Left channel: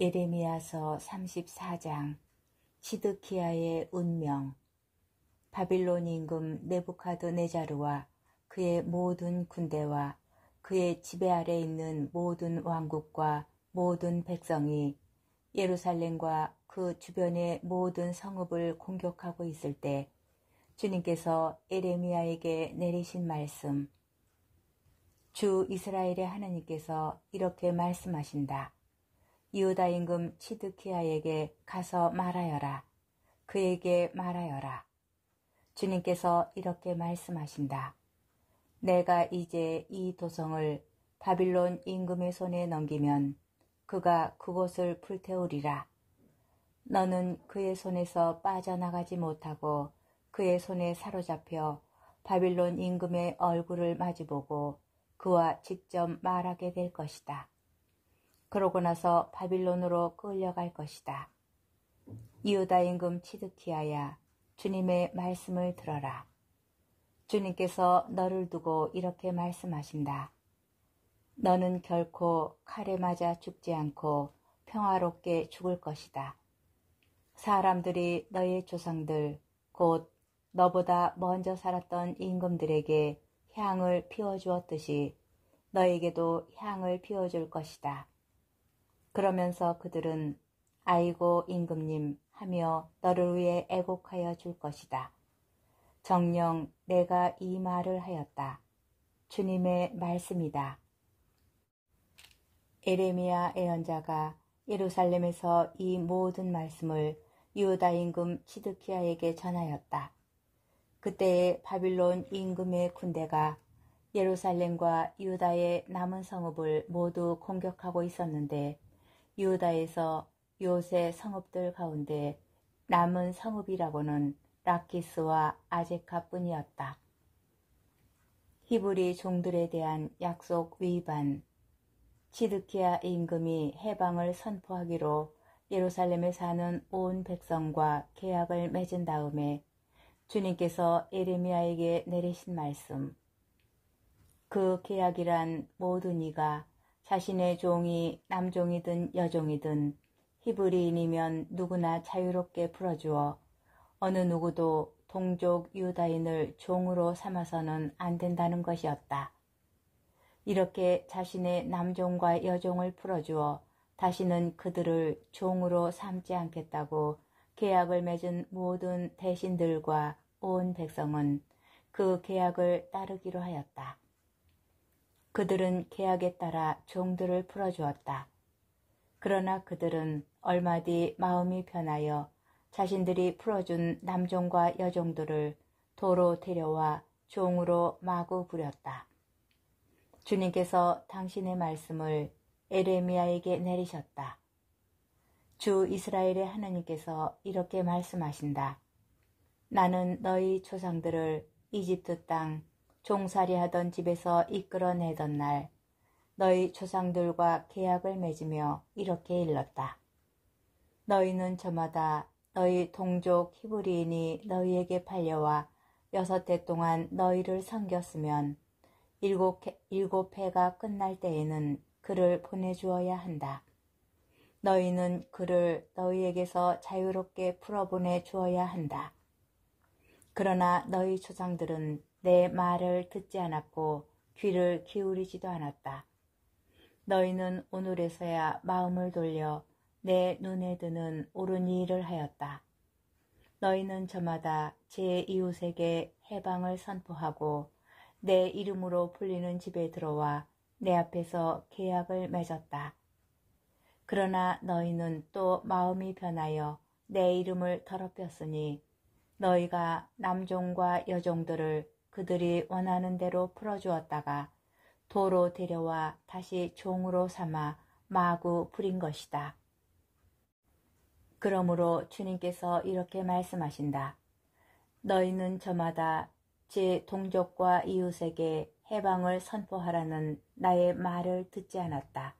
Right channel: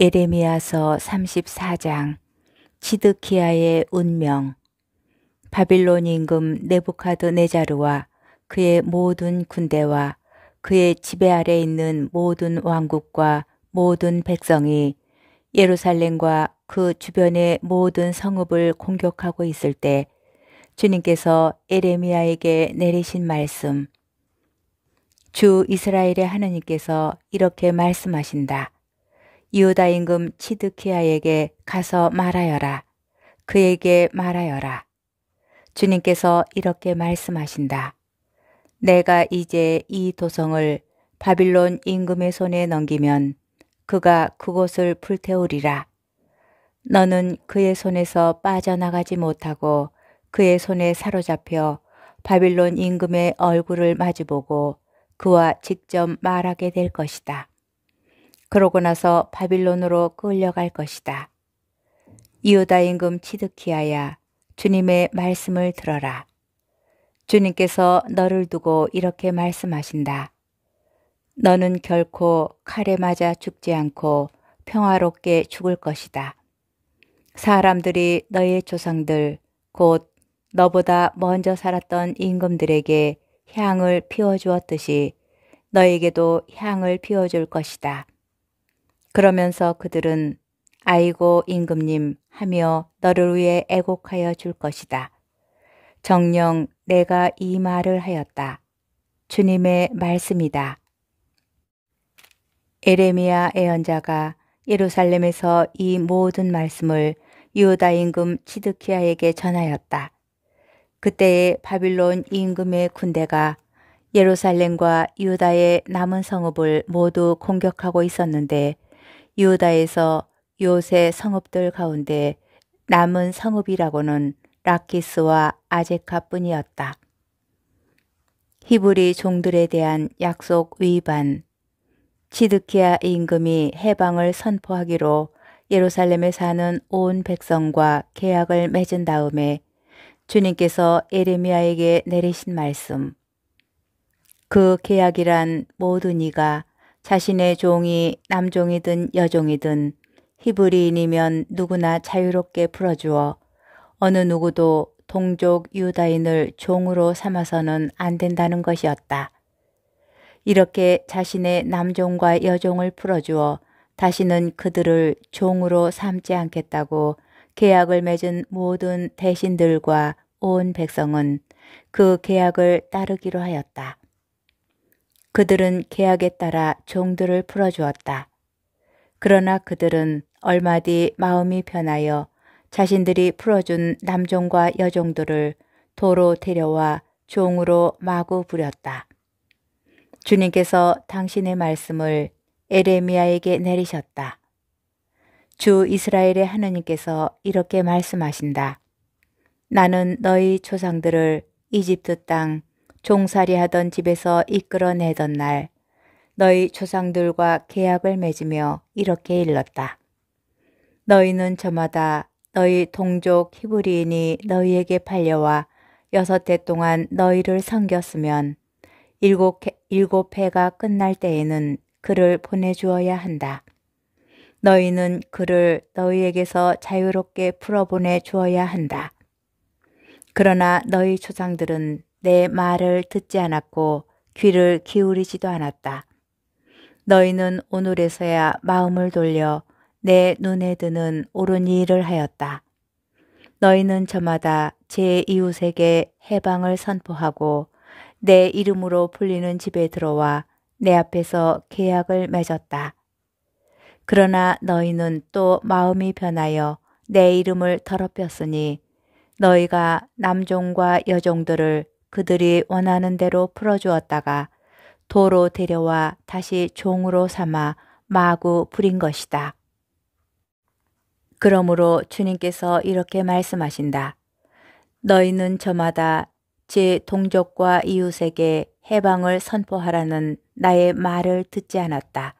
예레미야서 34장. 시드기야의 운명. 바빌론 임금 느부갓네자르와 그의 모든 군대와 그의 지배 아래 있는 모든 왕국과 모든 백성이 예루살렘과 그 주변의 모든 성읍을 공격하고 있을 때 주님께서 예레미야에게 내리신 말씀. 주 이스라엘의 하나님께서 이렇게 말씀하신다. 유다 임금 시드기야에게 가서 말하여라. 그에게 말하여라. 주님께서 이렇게 말씀하신다. 내가 이제 이 도성을 바빌론 임금의 손에 넘기면 그가 그곳을 불태우리라. 너는 그의 손에서 빠져나가지 못하고 그의 손에 사로잡혀 바빌론 임금의 얼굴을 마주보고 그와 직접 말하게 될 것이다. 그러고 나서 바빌론으로 끌려갈 것이다. 유다 임금 시드기야야, 주님의 말씀을 들어라. 주님께서 너를 두고 이렇게 말씀하신다. 너는 결코 칼에 맞아 죽지 않고 평화롭게 죽을 것이다. 사람들이 너의 조상들, 곧 너보다 먼저 살았던 임금들에게 향을 피워주었듯이 너에게도 향을 피워줄 것이다. 그러면서 그들은 아이고 임금님 하며 너를 위해 애곡하여 줄 것이다. 정녕 내가 이 말을 하였다. 주님의 말씀이다. 예레미야 예언자가 예루살렘에서 이 모든 말씀을 유다 임금 시드기야에게 전하였다. 그때에 바빌론 임금의 군대가 예루살렘과 유다의 남은 성읍을 모두 공격하고 있었는데 유다에서 요새 성읍들 가운데 남은 성읍이라고는 라키스와 아제카뿐이었다. 히브리 종들에 대한 약속 위반. 시드기야 임금이 해방을 선포하기로 예루살렘에 사는 온 백성과 계약을 맺은 다음에 주님께서 예레미야에게 내리신 말씀. 그 계약이란 모든 이가 자신의 종이 남종이든 여종이든 히브리인이면 누구나 자유롭게 풀어주어 어느 누구도 동족 유다인을 종으로 삼아서는 안 된다는 것이었다. 이렇게 자신의 남종과 여종을 풀어주어 다시는 그들을 종으로 삼지 않겠다고 계약을 맺은 모든 대신들과 온 백성은 그 계약을 따르기로 하였다. 그들은 계약에 따라 종들을 풀어주었다. 그러나 그들은 얼마 뒤 마음이 변하여 자신들이 풀어준 남종과 여종들을 도로 데려와 종으로 마구 부렸다. 주님께서 당신의 말씀을 예레미야에게 내리셨다. 주 이스라엘의 하나님께서 이렇게 말씀하신다. 나는 너희 조상들을 이집트 땅 종살이하던 집에서 이끌어내던 날 너희 조상들과 계약을 맺으며 이렇게 일렀다. 너희는 저마다 너희 동족 히브리인이 너희에게 팔려와 6해 동안 너희를 섬겼으면 7해가 끝날 때에는 그를 보내주어야 한다. 너희는 그를 너희에게서 자유롭게 풀어보내 주어야 한다. 그러나 너희 조상들은 내 말을 듣지 않았고 귀를 기울이지도 않았다. 너희는 오늘에서야 마음을 돌려 내 눈에 드는 옳은 일을 하였다. 너희는 저마다 제 이웃에게 해방을 선포하고 내 이름으로 불리는 집에 들어와 내 앞에서 계약을 맺었다. 그러나 너희는 또 마음이 변하여 내 이름을 더럽혔으니 너희가 남종과 여종들을 그들이 원하는 대로 풀어주었다가 도로 데려와 다시 종으로 삼아 마구 부린 것이다. 그러므로 주님께서 이렇게 말씀하신다. 너희는 저마다 제 동족과 이웃에게 해방을 선포하라는 나의 말을 듣지 않았다.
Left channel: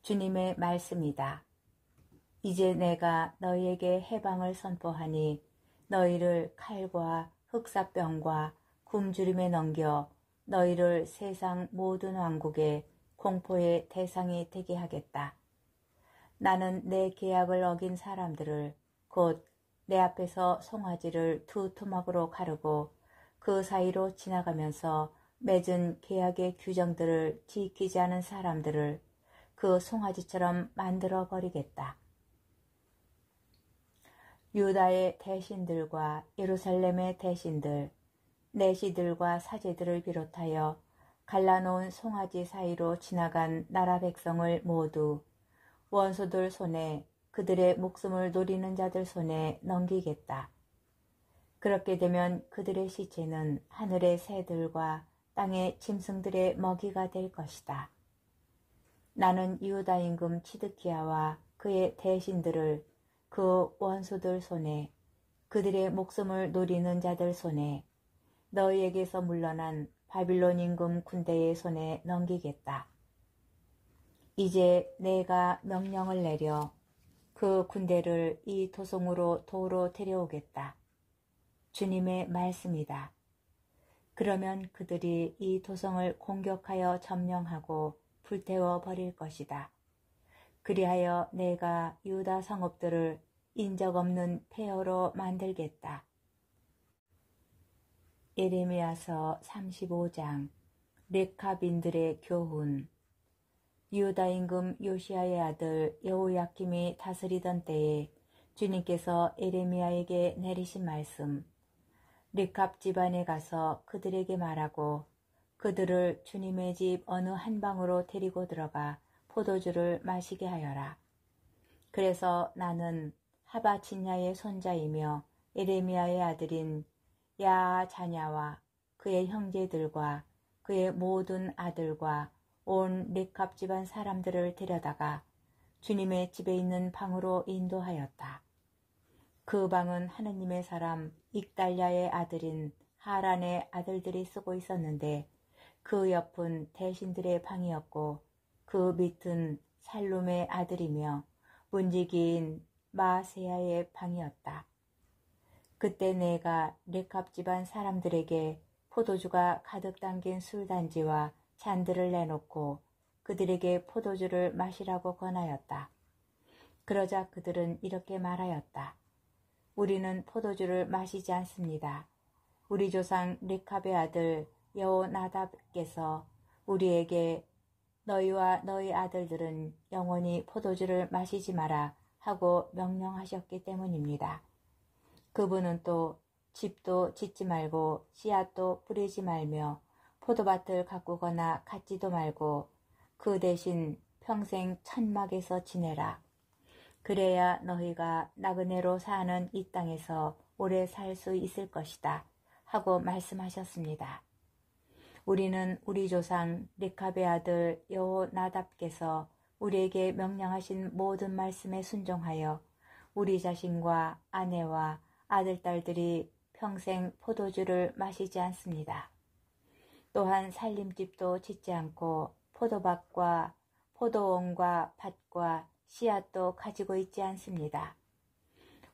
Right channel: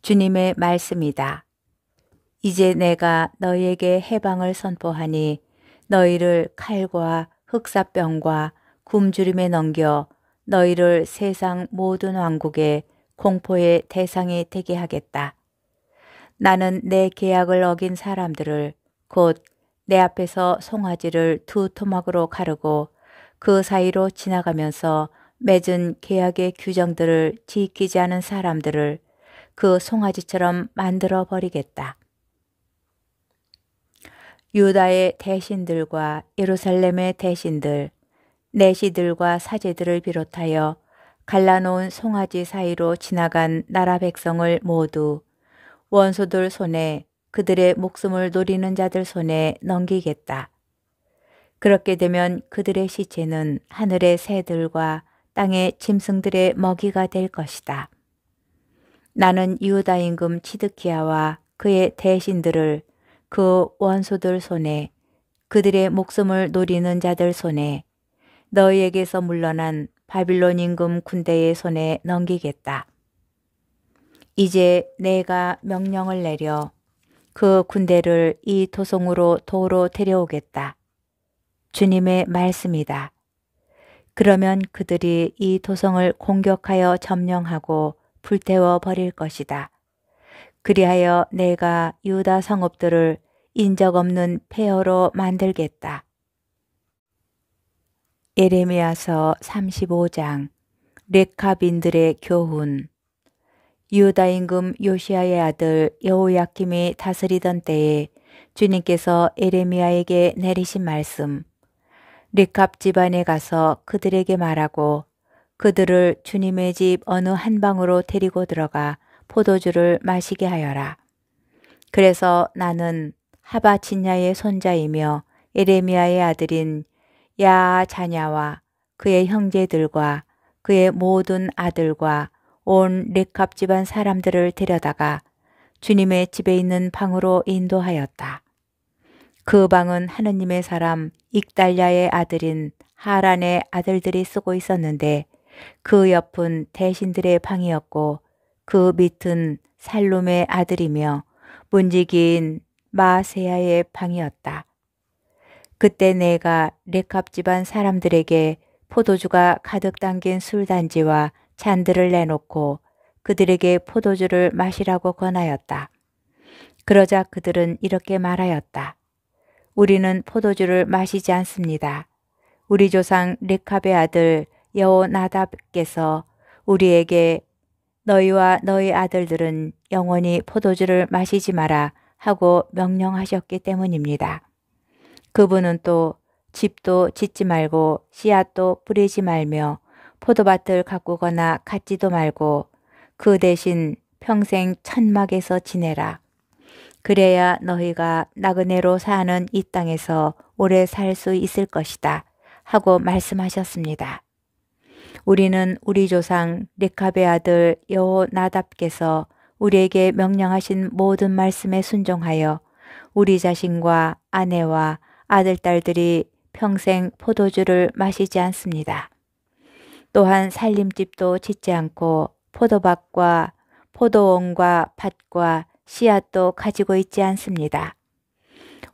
주님의 말씀이다. 이제 내가 너희에게 해방을 선포하니 너희를 칼과 흑사병과 굶주림에 넘겨 너희를 세상 모든 왕국의 공포의 대상이 되게 하겠다. 나는 내 계약을 어긴 사람들을 곧 내 앞에서 송아지를 두 토막으로 가르고 그 사이로 지나가면서 맺은 계약의 규정들을 지키지 않은 사람들을 그 송아지처럼 만들어 버리겠다. 유다의 대신들과 예루살렘의 대신들, 내시들과 사제들을 비롯하여 갈라놓은 송아지 사이로 지나간 나라 백성을 모두 원수들 손에 그들의 목숨을 노리는 자들 손에 넘기겠다. 그렇게 되면 그들의 시체는 하늘의 새들과 땅의 짐승들의 먹이가 될 것이다. 나는 유다 임금 치드키야와 그의 대신들을 그 원수들 손에 그들의 목숨을 노리는 자들 손에 너희에게서 물러난 바빌론 임금 군대의 손에 넘기겠다. 이제 내가 명령을 내려 그 군대를 이 도성으로 도로 데려오겠다. 주님의 말씀이다. 그러면 그들이 이 도성을 공격하여 점령하고 불태워 버릴 것이다. 그리하여 내가 유다 성읍들을 인적 없는 폐허로 만들겠다. 예레미야서 35장 레카빈들의 교훈. 유다 임금 요시야의 아들 여호야킴이 다스리던 때에 주님께서 예레미야에게 내리신 말씀. 레캅 집안에 가서 그들에게 말하고 그들을 주님의 집 어느 한 방으로 데리고 들어가 포도주를 마시게 하여라. 그래서 나는 하바친야의 손자이며 예레미야의 아들인 야자냐와 그의 형제들과 그의 모든 아들과 온 레캅 집안 사람들을 데려다가 주님의 집에 있는 방으로 인도하였다. 그 방은 하느님의 사람 익달랴의 아들인 하란의 아들들이 쓰고 있었는데 그 옆은 대신들의 방이었고 그 밑은 살룸의 아들이며 문지기인 마세야의 방이었다. 그때 내가 레캅 집안 사람들에게 포도주가 가득 담긴 술단지와 잔들을 내놓고 그들에게 포도주를 마시라고 권하였다. 그러자 그들은 이렇게 말하였다. 우리는 포도주를 마시지 않습니다. 우리 조상 레캅의 아들 여호나답께서 우리에게 너희와 너희 아들들은 영원히 포도주를 마시지 마라 하고 명령하셨기 때문입니다. 그분은 또 집도 짓지 말고 씨앗도 뿌리지 말며 포도밭을 가꾸거나 갖지도 말고 그 대신 평생 천막에서 지내라. 그래야 너희가 나그네로 사는 이 땅에서 오래 살 수 있을 것이다 하고 말씀하셨습니다. 우리는 우리 조상 레캅의 아들 여호나답께서 우리에게 명령하신 모든 말씀에 순종하여 우리 자신과 아내와 아들, 딸들이 평생 포도주를 마시지 않습니다. 또한 살림집도 짓지 않고 포도밭과 포도원과 밭과 씨앗도 가지고 있지 않습니다.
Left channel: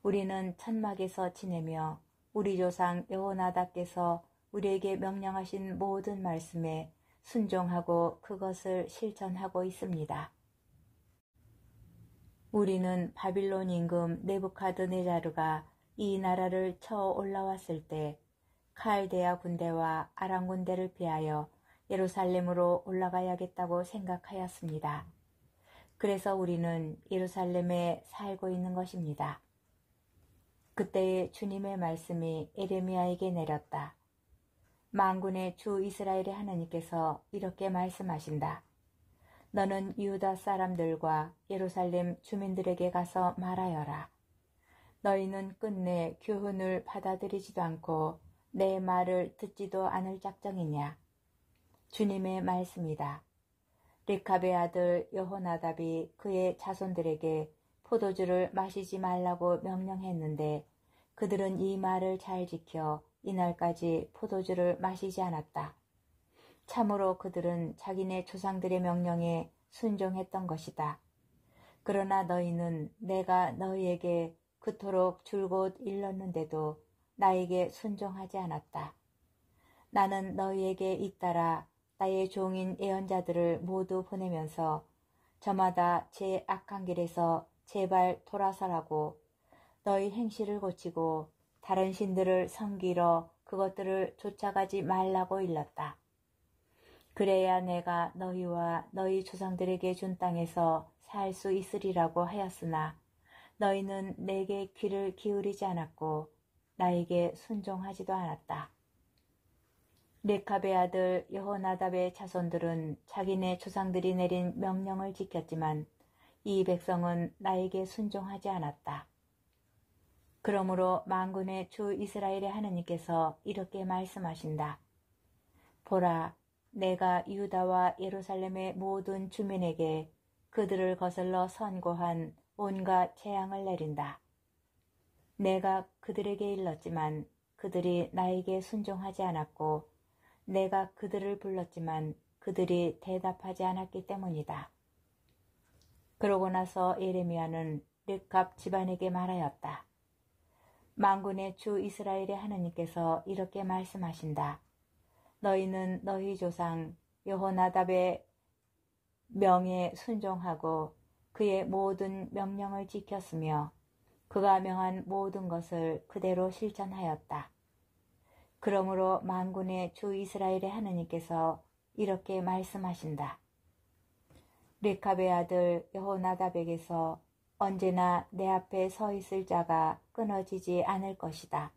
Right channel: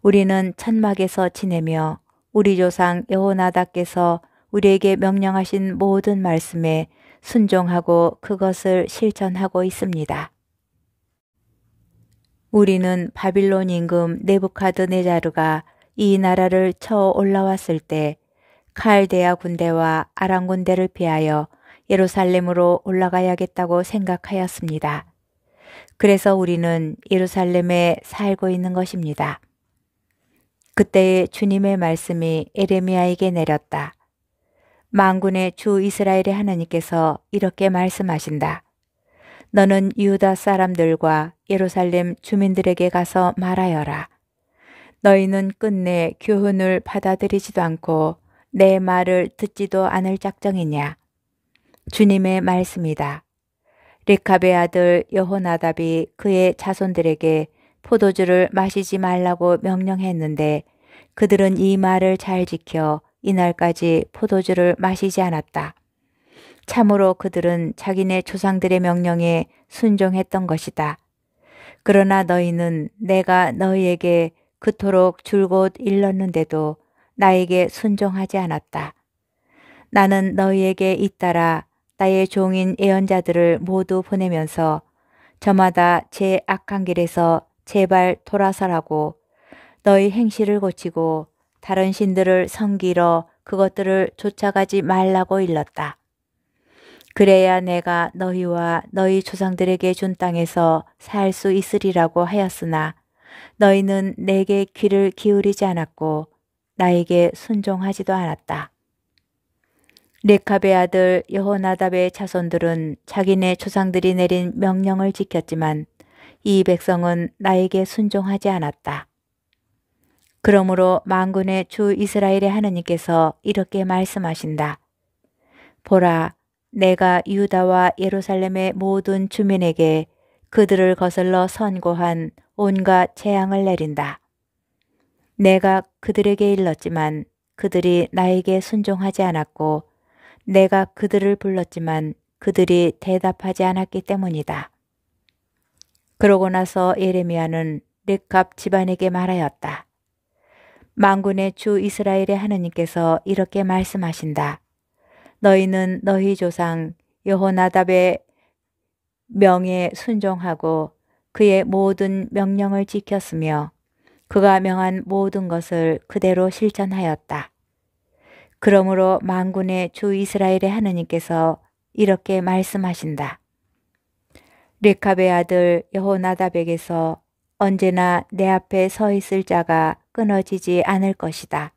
우리는 천막에서 지내며 우리 조상 여호나답께서 우리에게 명령하신 모든 말씀에 순종하고 그것을 실천하고 있습니다. 우리는 바빌론 임금 네부카드네자르가 이 나라를 쳐 올라왔을 때 칼데아 군대와 아람 군대를 피하여 예루살렘으로 올라가야겠다고 생각하였습니다. 그래서 우리는 예루살렘에 살고 있는 것입니다. 그때의 주님의 말씀이 예레미야에게 내렸다. 만군의 주 이스라엘의 하나님께서 이렇게 말씀하신다. 너는 유다 사람들과 예루살렘 주민들에게 가서 말하여라. 너희는 끝내 교훈을 받아들이지도 않고 내 말을 듣지도 않을 작정이냐. 주님의 말씀이다. 레캅의 아들 여호나답이 그의 자손들에게 포도주를 마시지 말라고 명령했는데 그들은 이 말을 잘 지켜 이날까지 포도주를 마시지 않았다. 참으로 그들은 자기네 조상들의 명령에 순종했던 것이다. 그러나 너희는 내가 너희에게 그토록 줄곧 일렀는데도 나에게 순종하지 않았다. 나는 너희에게 잇따라 나의 종인 예언자들을 모두 보내면서 저마다 제 악한 길에서 제발 돌아서라고 너희 행실을 고치고 다른 신들을 섬기러 그것들을 쫓아가지 말라고 일렀다. 그래야 내가 너희와 너희 조상들에게 준 땅에서 살 수 있으리라고 하였으나 너희는 내게 귀를 기울이지 않았고 나에게 순종하지도 않았다. 레캅의 아들 여호나답의 자손들은 자기네 조상들이 내린 명령을 지켰지만 이 백성은 나에게 순종하지 않았다. 그러므로 만군의 주 이스라엘의 하느님께서 이렇게 말씀하신다. 보라, 내가 유다와 예루살렘의 모든 주민에게 그들을 거슬러 선고한 온갖 재앙을 내린다. 내가 그들에게 일렀지만 그들이 나에게 순종하지 않았고 내가 그들을 불렀지만 그들이 대답하지 않았기 때문이다. 그러고 나서 예레미야는 레캅 집안에게 말하였다. 만군의 주 이스라엘의 하느님께서 이렇게 말씀하신다. 너희는 너희 조상 여호나답의 명에 순종하고 그의 모든 명령을 지켰으며 그가 명한 모든 것을 그대로 실천하였다. 그러므로 만군의 주 이스라엘의 하느님께서 이렇게 말씀하신다. 레캅의 아들 여호나답에게서 언제나 내 앞에 서 있을 자가 끊어지지 않을 것이다.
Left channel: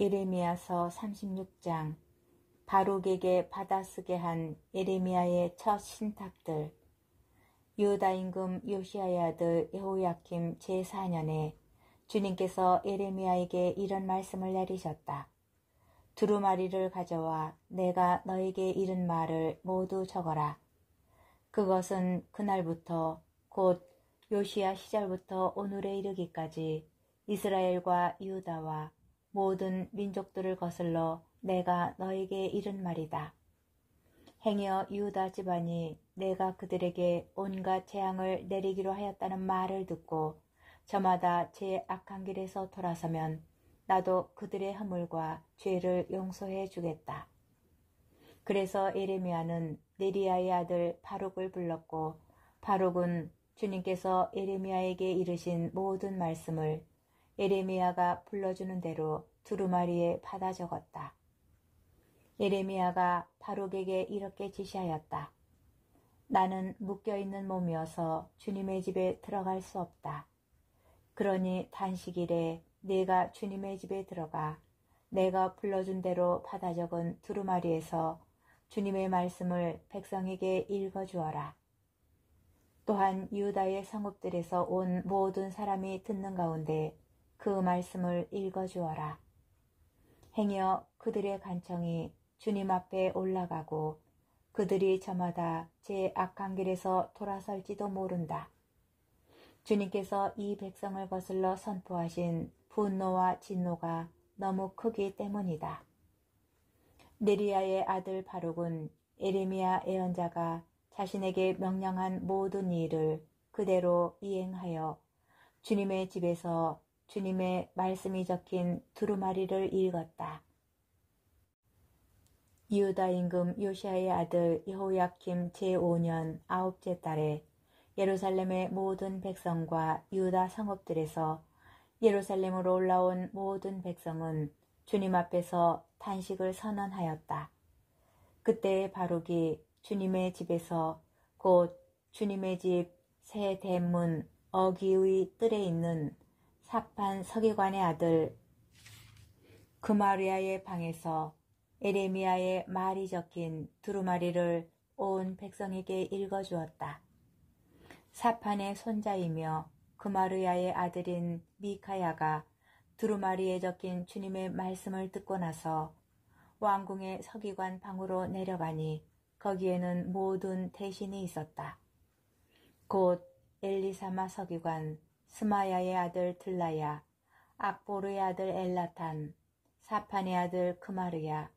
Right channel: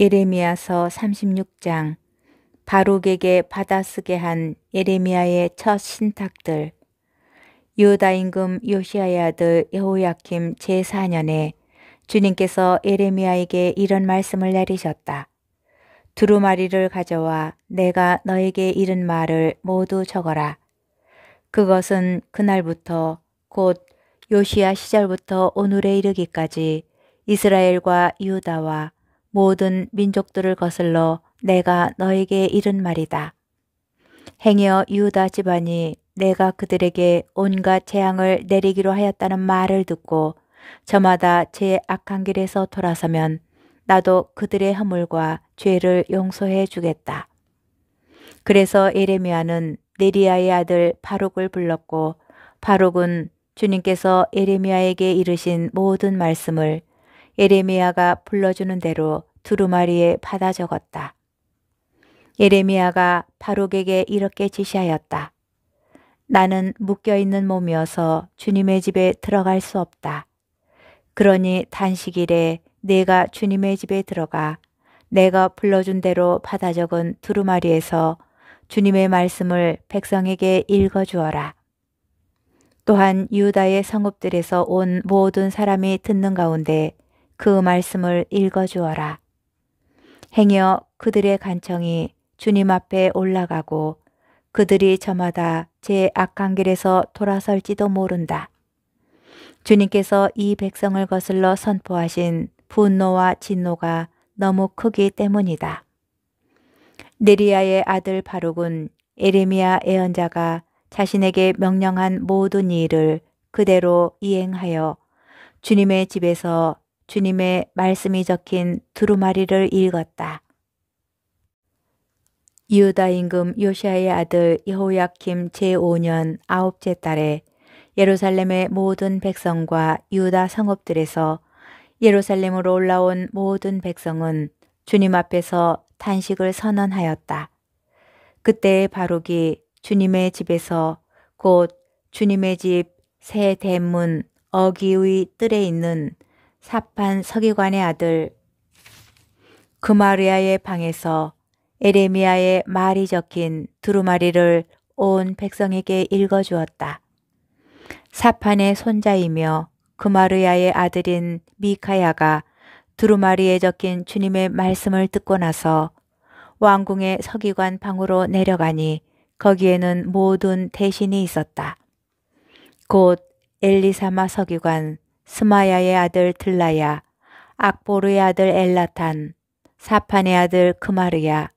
예레미야서 36장. 바룩에게 받아쓰게 한 예레미야의 첫 신탁들. 유다 임금 요시야의 아들 여호야킴 제4년에 주님께서 예레미야에게 이런 말씀을 내리셨다. 두루마리를 가져와 내가 너에게 이른 말을 모두 적어라. 그것은 그날부터 곧 요시야 시절부터 오늘에 이르기까지 이스라엘과 유다와 모든 민족들을 거슬러 내가 너에게 이른 말이다. 행여 유다 집안이 내가 그들에게 온갖 재앙을 내리기로 하였다는 말을 듣고 저마다 제 악한 길에서 돌아서면 나도 그들의 허물과 죄를 용서해 주겠다. 그래서 예레미야는 네리야의 아들 바룩을 불렀고 바룩은 주님께서 예레미야에게 이르신 모든 말씀을 예레미야가 불러주는 대로 두루마리에 받아 적었다. 예레미야가 바룩에게 이렇게 지시하였다. 나는 묶여있는 몸이어서 주님의 집에 들어갈 수 없다. 그러니 단식일에 내가 주님의 집에 들어가 내가 불러준 대로 받아 적은 두루마리에서 주님의 말씀을 백성에게 읽어주어라. 또한 유다의 성읍들에서 온 모든 사람이 듣는 가운데 그 말씀을 읽어주어라. 행여 그들의 간청이 주님 앞에 올라가고 그들이 저마다 제 악한 길에서 돌아설지도 모른다. 주님께서 이 백성을 거슬러 선포하신 분노와 진노가 너무 크기 때문이다. 네리야의 아들 바룩은 예레미야 예언자가 자신에게 명령한 모든 일을 그대로 이행하여 주님의 집에서 주님의 말씀이 적힌 두루마리를 읽었다. 유다 임금 요시야의 아들 여호야킴 제5년 9째 달에 예루살렘의 모든 백성과 유다 성읍들에서 예루살렘으로 올라온 모든 백성은 주님 앞에서 탄식을 선언하였다. 그때 바룩이 주님의 집에서 곧 주님의 집 새 대문 어기의 뜰에 있는 사판 서기관의 아들 그마르야의 방에서 예레미야의 말이 적힌 두루마리를 온 백성에게 읽어주었다. 사판의 손자이며 그마르야의 아들인 미카야가 두루마리에 적힌 주님의 말씀을 듣고 나서 왕궁의 서기관 방으로 내려가니 거기에는 모든 대신이 있었다. 곧 엘리사마 서기관, 스마야의 아들 들라야, 악보르의 아들 엘라탄, 사판의 아들 그마르야,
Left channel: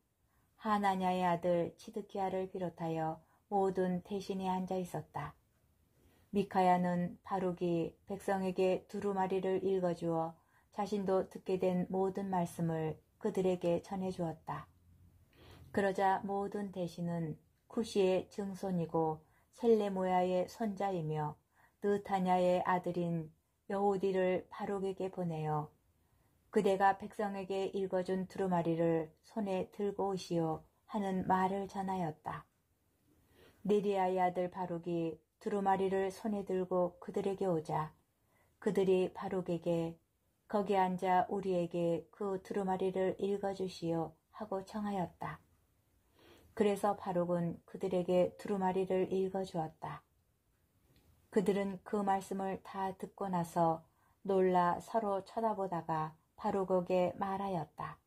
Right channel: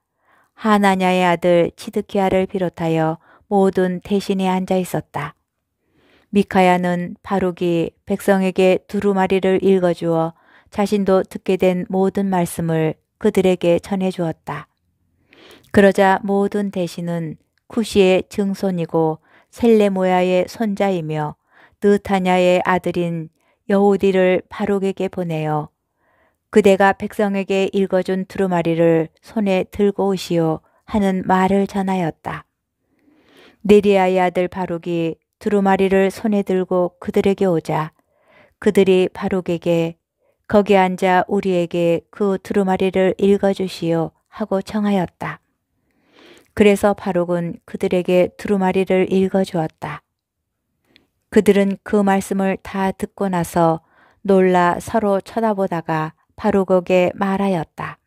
하나냐의 아들 치드키야를 비롯하여 모든 대신이 앉아 있었다. 미카야는 바룩이 백성에게 두루마리를 읽어주어 자신도 듣게 된 모든 말씀을 그들에게 전해주었다. 그러자 모든 대신은 쿠시의 증손이고 셀레모야의 손자이며 느타냐의 아들인 여호디를 바룩에게 보내어 그대가 백성에게 읽어준 두루마리를 손에 들고 오시오 하는 말을 전하였다. 네리야의 아들 바룩이 두루마리를 손에 들고 그들에게 오자 그들이 바룩에게 거기 앉아 우리에게 그 두루마리를 읽어주시오 하고 청하였다. 그래서 바룩은 그들에게 두루마리를 읽어주었다. 그들은 그 말씀을 다 듣고 나서 놀라 서로 쳐다보다가 바룩에게 말하였다.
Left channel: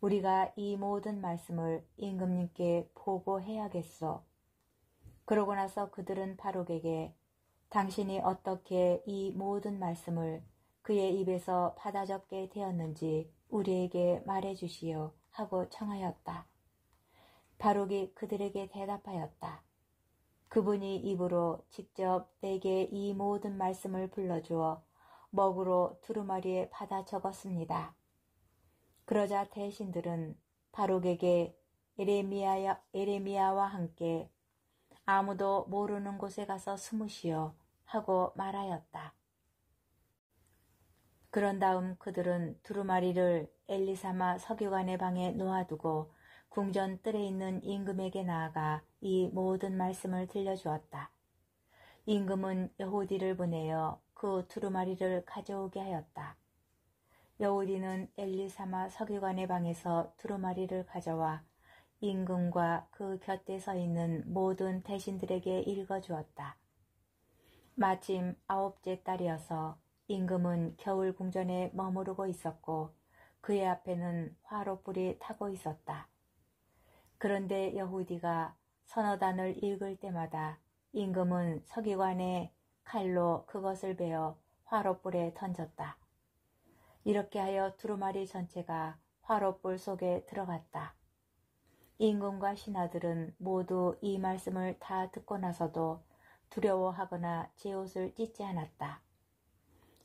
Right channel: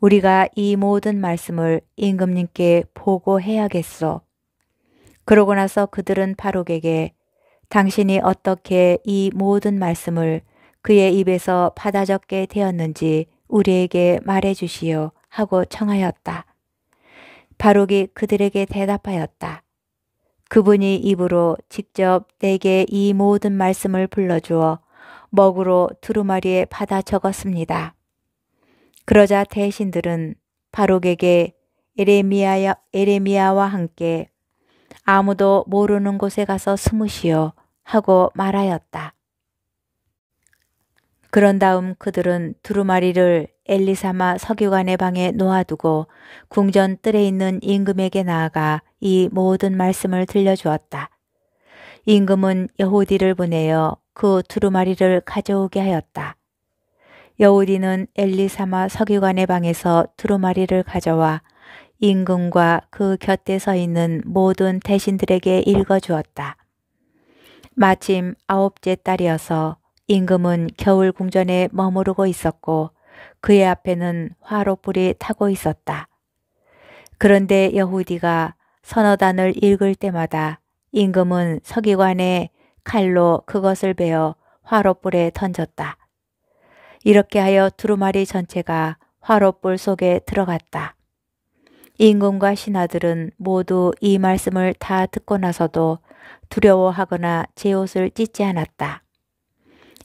우리가 이 모든 말씀을 임금님께 보고해야겠소. 그러고 나서 그들은 바룩에게 당신이 어떻게 이 모든 말씀을 그의 입에서 받아 적게 되었는지 우리에게 말해 주시오 하고 청하였다. 바룩이 그들에게 대답하였다. 그분이 입으로 직접 내게 이 모든 말씀을 불러주어 먹으로 두루마리에 받아 적었습니다. 그러자 대신들은 바룩에게 에레미야와 함께 아무도 모르는 곳에 가서 숨으시오 하고 말하였다. 그런 다음 그들은 두루마리를 엘리사마 서기관의 방에 놓아두고 궁전 뜰에 있는 임금에게 나아가 이 모든 말씀을 들려주었다. 임금은 여호디를 보내어 그 두루마리를 가져오게 하였다. 여호디는 엘리사마 서기관의 방에서 두루마리를 가져와 임금과 그 곁에 서 있는 모든 대신들에게 읽어주었다. 마침 9째 딸이어서 임금은 겨울 궁전에 머무르고 있었고 그의 앞에는 화롯불이 타고 있었다. 그런데 여호디가 선어단을 읽을 때마다 임금은 서기관의 칼로 그것을 베어 화롯불에 던졌다. 이렇게 하여 두루마리 전체가 화롯불 속에 들어갔다. 임금과 신하들은 모두 이 말씀을 다 듣고 나서도 두려워하거나 제 옷을 찢지 않았다.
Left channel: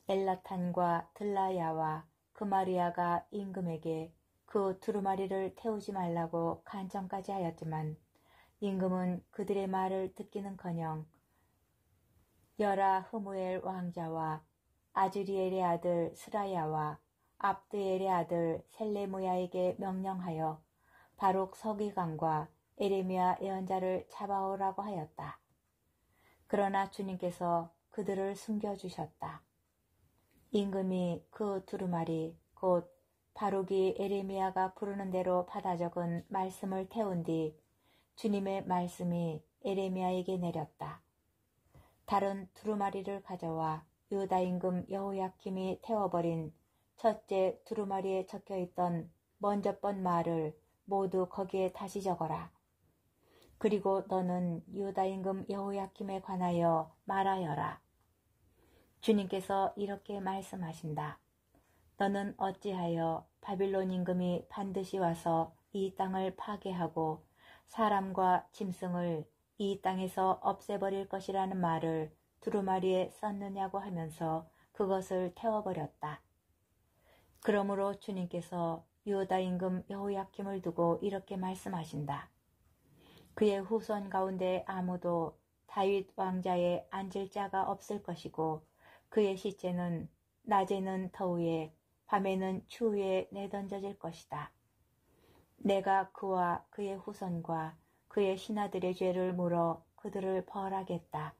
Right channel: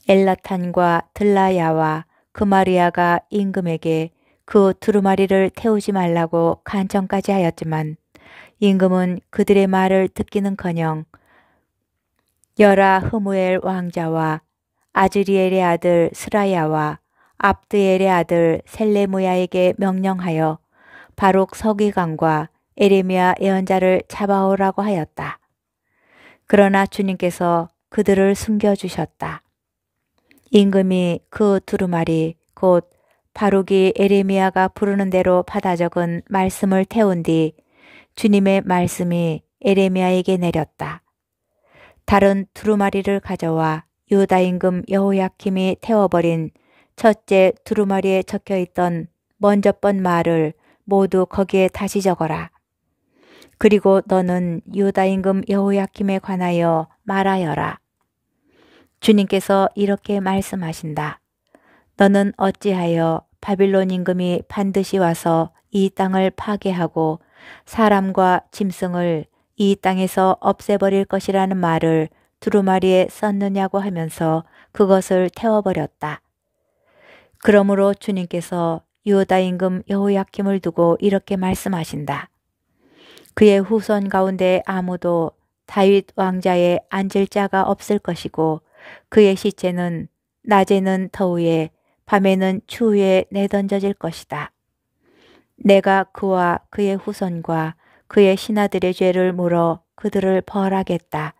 엘라탄과 들라야와 그마리아가 임금에게 그 두루마리를 태우지 말라고 간청까지 하였지만 임금은 그들의 말을 듣기는커녕 여라 흐무엘 왕자와 아즈리엘의 아들 스라야와 압드엘의 아들 셀레무야에게 명령하여 바룩 서기관과 에레미야 예언자를 잡아오라고 하였다. 그러나 주님께서 그들을 숨겨주셨다. 임금이 그 두루마리 곧 바룩이 에레미야가 부르는 대로 받아 적은 말씀을 태운 뒤 주님의 말씀이 에레미야에게 내렸다. 다른 두루마리를 가져와 유다 임금 여호야킴이 태워버린 첫째 두루마리에 적혀있던 먼저 번 말을 모두 거기에 다시 적어라. 그리고 너는 유다 임금 여호야킴에 관하여 말하여라. 주님께서 이렇게 말씀하신다. 너는 어찌하여 바빌론 임금이 반드시 와서 이 땅을 파괴하고 사람과 짐승을 이 땅에서 없애버릴 것이라는 말을 두루마리에 썼느냐고 하면서 그것을 태워버렸다. 그러므로 주님께서 유다 임금 여호야킴을 두고 이렇게 말씀하신다. 그의 후손 가운데 아무도 다윗 왕자에 앉을 자가 없을 것이고 그의 시체는 낮에는 더위에 밤에는 추위에 내던져질 것이다. 내가 그와 그의 후손과 그의 신하들의 죄를 물어 그들을 벌하겠다.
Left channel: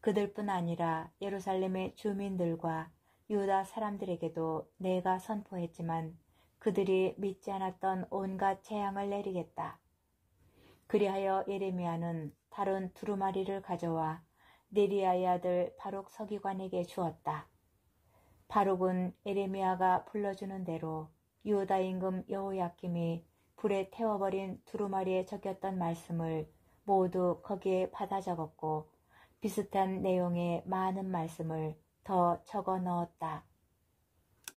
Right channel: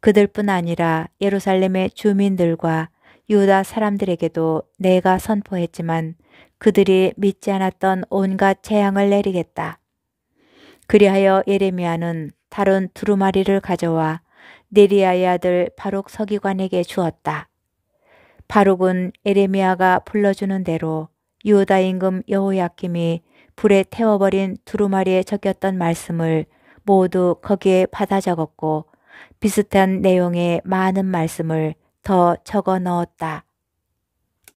그들뿐 아니라 예루살렘의 주민들과 유다 사람들에게도 내가 선포했지만 그들이 믿지 않았던 온갖 재앙을 내리겠다. 그리하여 예레미야는 다른 두루마리를 가져와 네리야의 아들 바룩 서기관에게 주었다. 바룩은 에레미야가 불러주는 대로 유다 임금 여호야킴이 불에 태워버린 두루마리에 적혔던 말씀을 모두 거기에 받아 적었고 비슷한 내용의 많은 말씀을 더 적어 넣었다.